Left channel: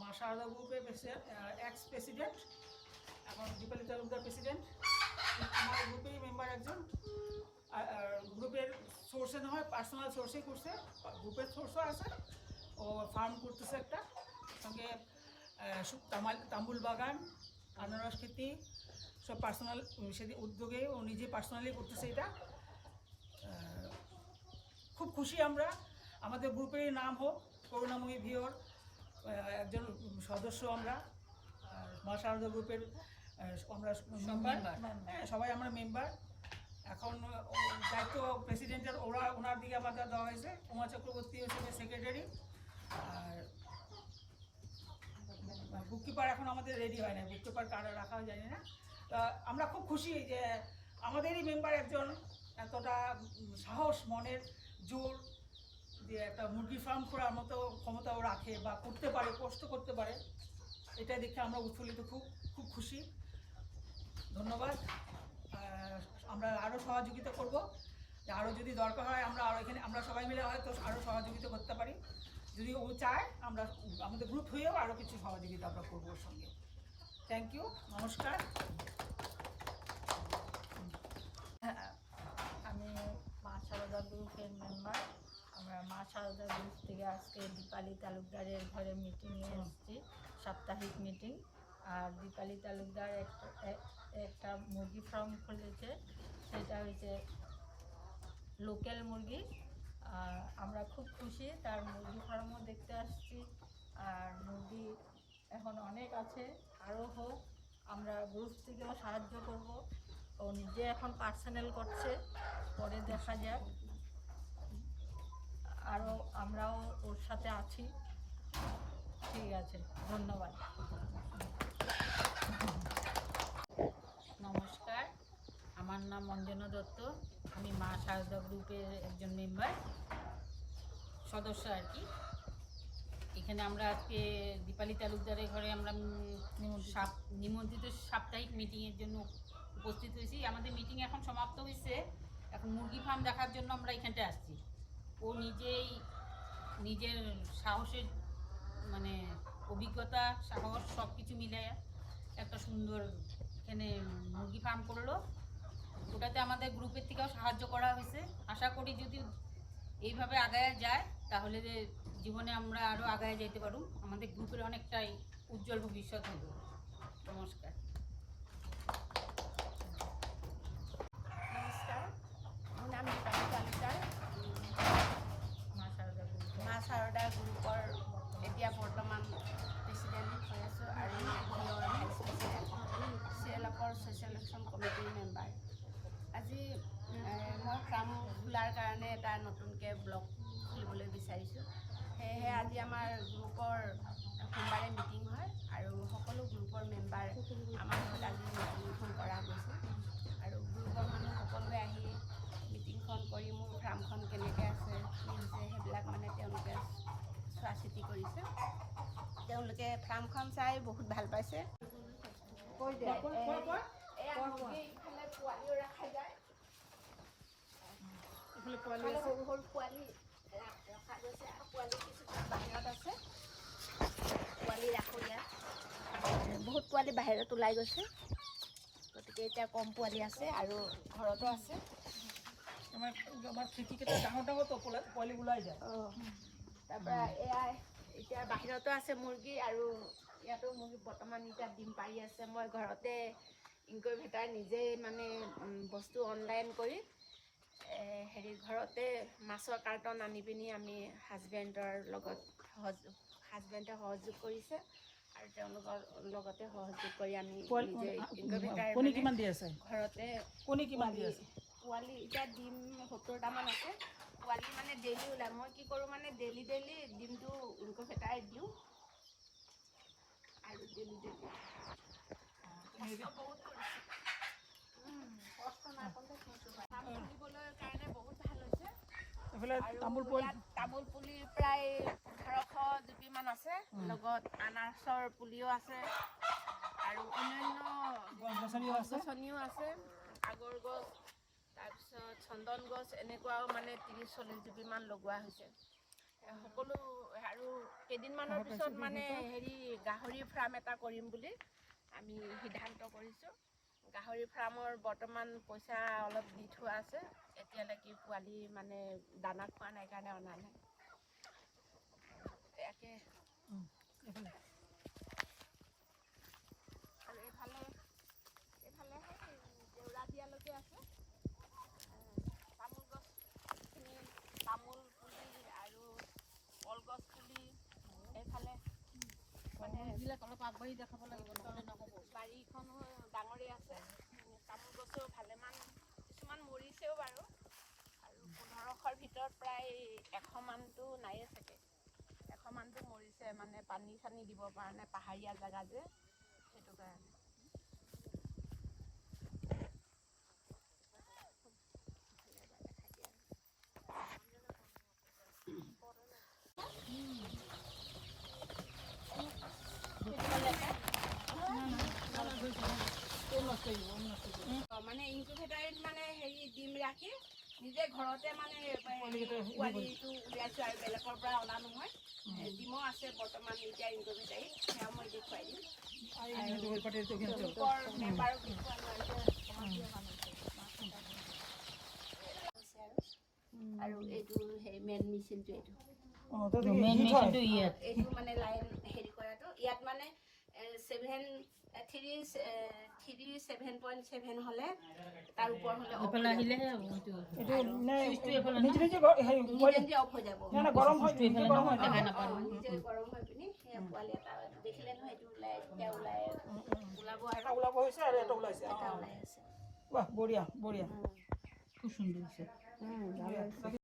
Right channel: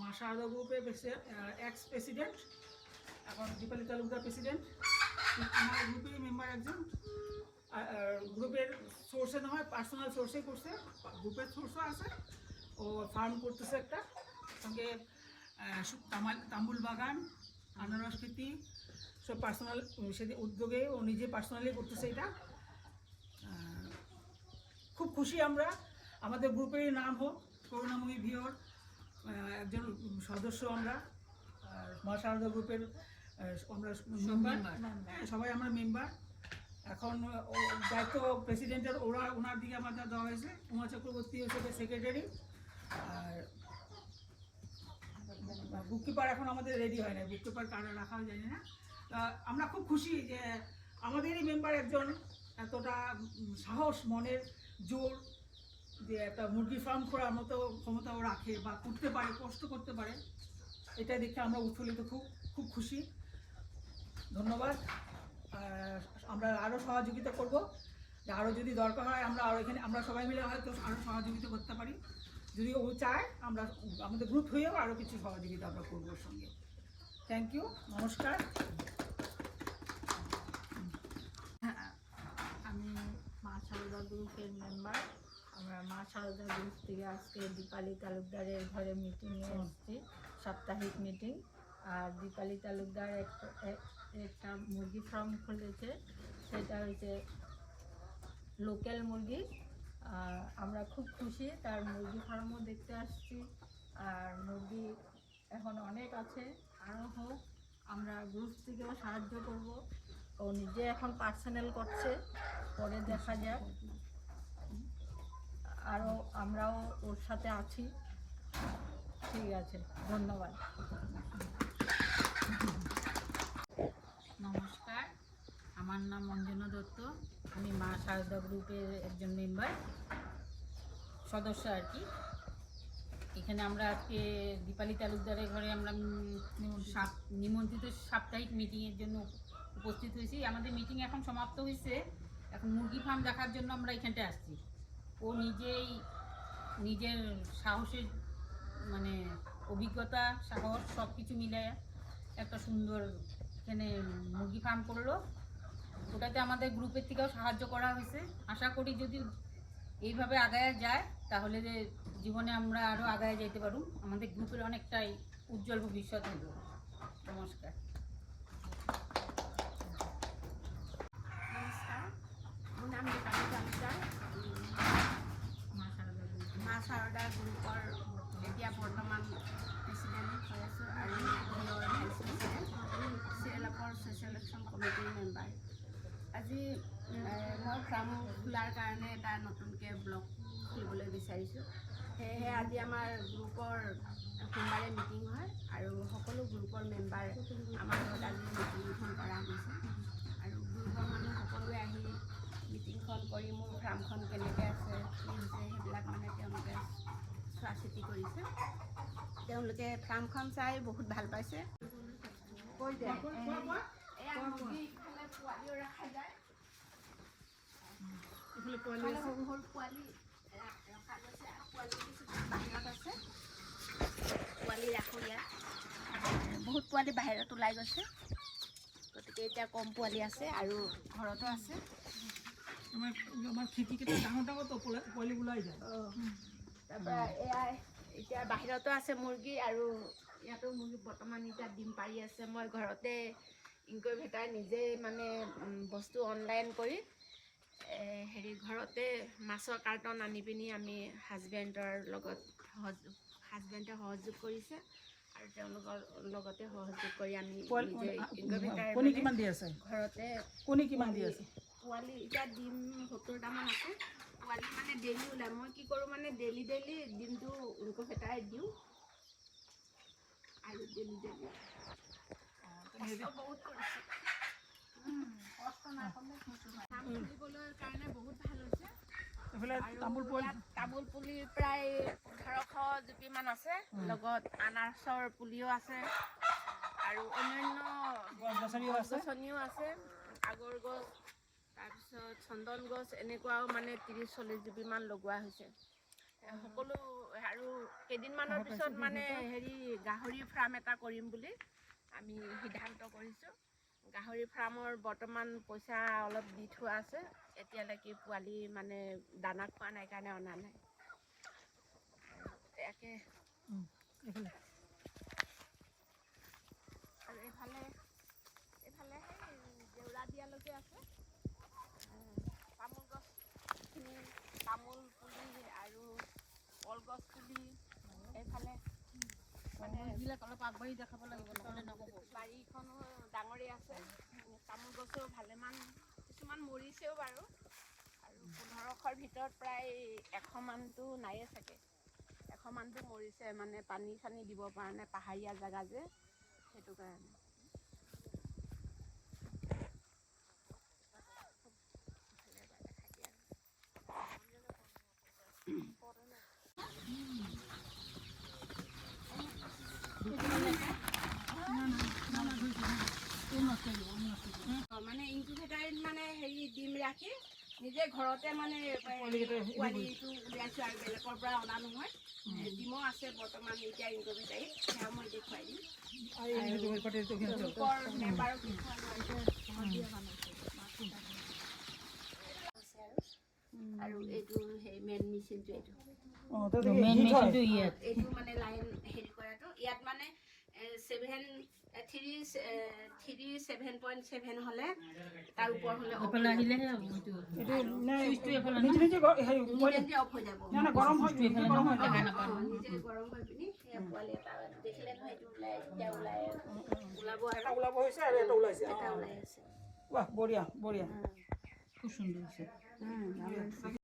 মা শারদা গ্রুপের x president, এখন দীপালি তালুকদার প্রেসিডেন্ট। আমার গ্রুপেরই মেম্বার একজন। গ্রুপের সোর্সে না হয় পার্সোনাল সোর্সেই করছে, গ্রুপের সোর্সও আছে। ও ফার্ম করতেছে একটা, সঙ্গে তাম্বুল বাগান, আনারস খেতি, সব পার্সোনাল সেদিন উদ্যোগে ও নিজে পার্সোনালি করতেছে এটা। খুব খুশি আমরা, আমাদের গ্রুপের নাম হোক করুণাময়ী ভিওর একজন সদস্য আমরা, মা শারদা গ্রুপের আমরা মেম্বার, সবাই আমরা মেম্বার। এখন দায়িত্ব প্রেসিডেন্টের ওনার দিকে আমাদের দেওয়া হয়েছে। উমা চক্রবর্তী হচ্ছে সেক্রেটারি, আর বুককিপার এখন আমাদের রেডি হয় না, বুককিপার কারা রাখা যায় না। আমরা খুব খুশি যে আমাদেরই মেম্বার একজন এতটা সাহস, মনের জোর, যে একটা মুরগি ফার্ম করার মতো ক্ষমতাও রাখে বা করতে পারে, কষ্ট করতে পারে। এটা দেখে আমরা উৎফুল্লিত, খুব খুব খুশি। ধন্যবাদ। আমরা আরও সহযোগিতা করব, যে আরও যদি দরকার হয় আমরা আরও এখানে আমরা সবাই মিলে হয়তো আরও সহযোগিতা করতে পারি। যদি ও চায় আমরা আমাদের গ্রুপ হয়েও আরও কিছু সহযোগিতা আমরা করবো ওর সঙ্গে। থ্যাংক ইউ, নমস্কার। আমি মা শারদা গ্রুপের মেম্বার। আমরা মা শারদা গ্রুপ থেকে আজকে দীপালি তালুকদারের ঘরে মিটিংয়ে এসেছি, সাপ্তাহিক মিটিং। আর দীপালি তালুকদার একটা মুরগি ফার্ম খুলেছে, সেটা হচ্ছে লোকাল মুরগি। আর আমরা খুব খুশি, তার মুরগি ফার্মও দেখতে আসছি। আর মুরগি এখন অনেক আছে, আরও হোক, আমরা গ্রুপ থেকেও সাহায্য করব। ও নিজে এখন পার্সোনাল করছে, পরে দেখা যাক। আরও আমরাও ওর সাথে আছি। ঠিক আছে, ধন্যবাদ। নমস্কার, আমার নাম অঞ্জনা দত্ত। আমি মা শারদা গ্রুপের একজন মেম্বার, সদস্য আর কি। এখানে আমরা আজকে দীপালি তালুকদারের ঘরে আমরা নিমন্ত্রিত সাপ্তাহিক মিটিংয়ের জন্য উপস্থিত হয়েছি। আমাদের মিটিং এখন সমাপ্ত হয়েছে, এখন মুরগি ফার্ম দেখার জন্য আমরা এখানটায় আসছি। ও নিজের সাহসের মানে অভিজ্ঞতা, সাহস সব কিছু মিলে একটা সুন্দর এখানে মুরগি ফার্ম করলো। ওটাতে আমাদের গ্রুপের থেকেও সাহায্য করা হয়েছে। আশা করি যদি এইভাবে আগায় যায় তাহলে জীবনে আমরা আরও আগায় যেতে পারব, আমাদের গ্রুপের অনেকটাই উজ্জ্বল ভবিষ্যৎ হবে। নমস্কার। নমস্কাৰ, মোৰ নাম দীপালি তালুকদাৰ। মা শাৰদা গ্ৰুপৰ এতিয়া বৰ্তমান প্ৰেচিডেণ্ট হৈ আছোঁ আৰু ভিঅ'ৰ ভাইচ প্ৰেচিডেণ্ট, চিএলএফৰ ছ'চিয়েল একশ্যন কমিটিৰ মেম্বাৰ। আজি মই ফাৰ্ম খোলাৰ কাৰণে এটা নতুনকৈ ব্লগ খুলিবলৈ বিচাৰিছোঁ। সেয়েহে আজি আমাৰ গ্ৰুপৰ সোমবাৰে মিটিং হয় আৰু সকলো গ্ৰুপৰ মেম্বাৰ আমাৰ ঘৰত আজি মিটিংখন কৰা গৈছে। আৰু গ্ৰুপৰ মানুহ সকলোৱে আহি মিটিংখন কৰি মোৰ ফাৰ্মখন কেনেকৈ আছে, কি হৈছে সেইবিলাক মানে তেওঁলোকে চোৱা চিতি কৰিছে। তেওঁলোকে ফাৰ্মখন চাই বহুত ভাল পাইছে। এয়া মুৰ্গী ইফালে পোৱালিও ৰখা যায়, ইফালে সৰু সৰু পোৱালি ৰখা গৈছে আৰু পোৱালি কিছুমান বাহিৰত আছে। পোৱালি ৰাখোঁ ইয়াত, বহুত পোৱালি বাহিৰত ওলাই গৈছে, গতিকে এতিয়া কম পোৱালি আছে আৰু ঘৰতো আছে। আমাৰ খিৰিকীকেইটা ডাঙৰ ডাঙৰ তো পোৱালি ওলাই যায়। তাৰপৰা এয়া এতিয়া বাহিৰতো আছে মুৰ্গী, আৰু ইয়াতো মুৰ্গী বৰ্তমান এতিয়া ডিম পাৰি আছে। মই ঘৰতে ইনকুবেটাৰ নিজেই মানে বস্তু অনলাইন কৰি ঘৰতে মাছৰ কাৰ্টন আনি পিনি আমি হাজবেণ্ডে সহযোগ কৰিছে আৰু তেওঁলোকৰ লগতে সহযোগ কৰি আমি নিজে ইনকুবেটাৰ ঘৰতে পোৱালি এতিয়া ডিম 70টামান আছে। পোৱালি মানে ডেইলি ওলায়। মই কি কৰোঁ মানে ডেইলি ডিমটো ইনকুবেটাৰ দিওঁ আৰু ডেইলি বহুত কৰিছোঁ। কষ্ট নাপাবলৈ কাৰণে বহুত ভাল হৈছে। আৰু ইয়াত তামোল পুলি প্ৰায় 1800 জুপিমান আছে, লগত আনাৰসৰ পুলিও আছে আৰু অন্যান্য গছ-গছনিও আছে, আগৰ গছ, তাৰপিছত চন্দন গছ, এনেকুৱাও মানে 30-40 জুপিমান লগোৱা হৈছে। সকলো আৰু কেইদিনমানৰ পিছত মানে হেৰি গাহৰি ফাৰ্ম এটা কৰিম বুলি আমি সিদ্ধান্ত কৰিছোঁ। গাহৰি ফাৰ্মৰ বৰ্তমান পইচা অলপ দি থোৱা আছে, এতিয়ালৈকে পোৱালি মানে দানা খোৱা নাই কাৰণে অনা নাই। ইয়াকে আৰু এইফালে জেউৰা দিয়ালৈকে আছে। তামোল গছখিনি, তামোল পুলি আৰু কলগছ পুলি এইফালে মানে এইবিলাক অলপ আগবাঢ়ি দেখাব লাগিব, নহ'লে নহ'ব। বাৰীখনো ডাঙৰেই আছে, তামোল গছো ভালেমান, কিছুমান মৰিছেও বাৰু। আৰু 1500ৰ ভিতৰত প্ৰায় 100 মানটো নায়ে চাগে, 100 মানটো মৰিছে, মানে পানী চানী দিব পৰা নাই, পাহাৰীয়া জেগা যে সেইটো কাৰণে। মানে ইনকুবেটাৰত মানে হেৰি ডিম ৰাখি নিজে ঘৰতে মানে পোৱালিটো উলিয়াইছোঁ আৰু বেলেগৰ পৰা অনা নহয়। ডিমো আছে বৰ্তমান এতিয়া ইনকুবেটাৰত, সেয়া মই দেখুৱাই দিম। গ্ৰুপৰ মেম্বাৰক আৰু এইটো সেই মেইন মেচিনটো এইটো মানে লাইন হেৰি কৰাটো ইয়াত মানে 7.7 হ'লে তাৰ ওপৰ হ'লে এইফালে আহিলেহে হ'ব। এইটো নিজে নিজে অফ হৈ যাব। গৰম হয়, নিজে গৰম হৈ পিনি সেই পোৱালি এটা দেখিলে নহয়, এইটো ওলাব হৈছে আৰু এটা ওলাইছে। এটা ওলাই আছে। বঢ়িয়া বঢ়িয়া। খুব সুন্দৰ হৈছে।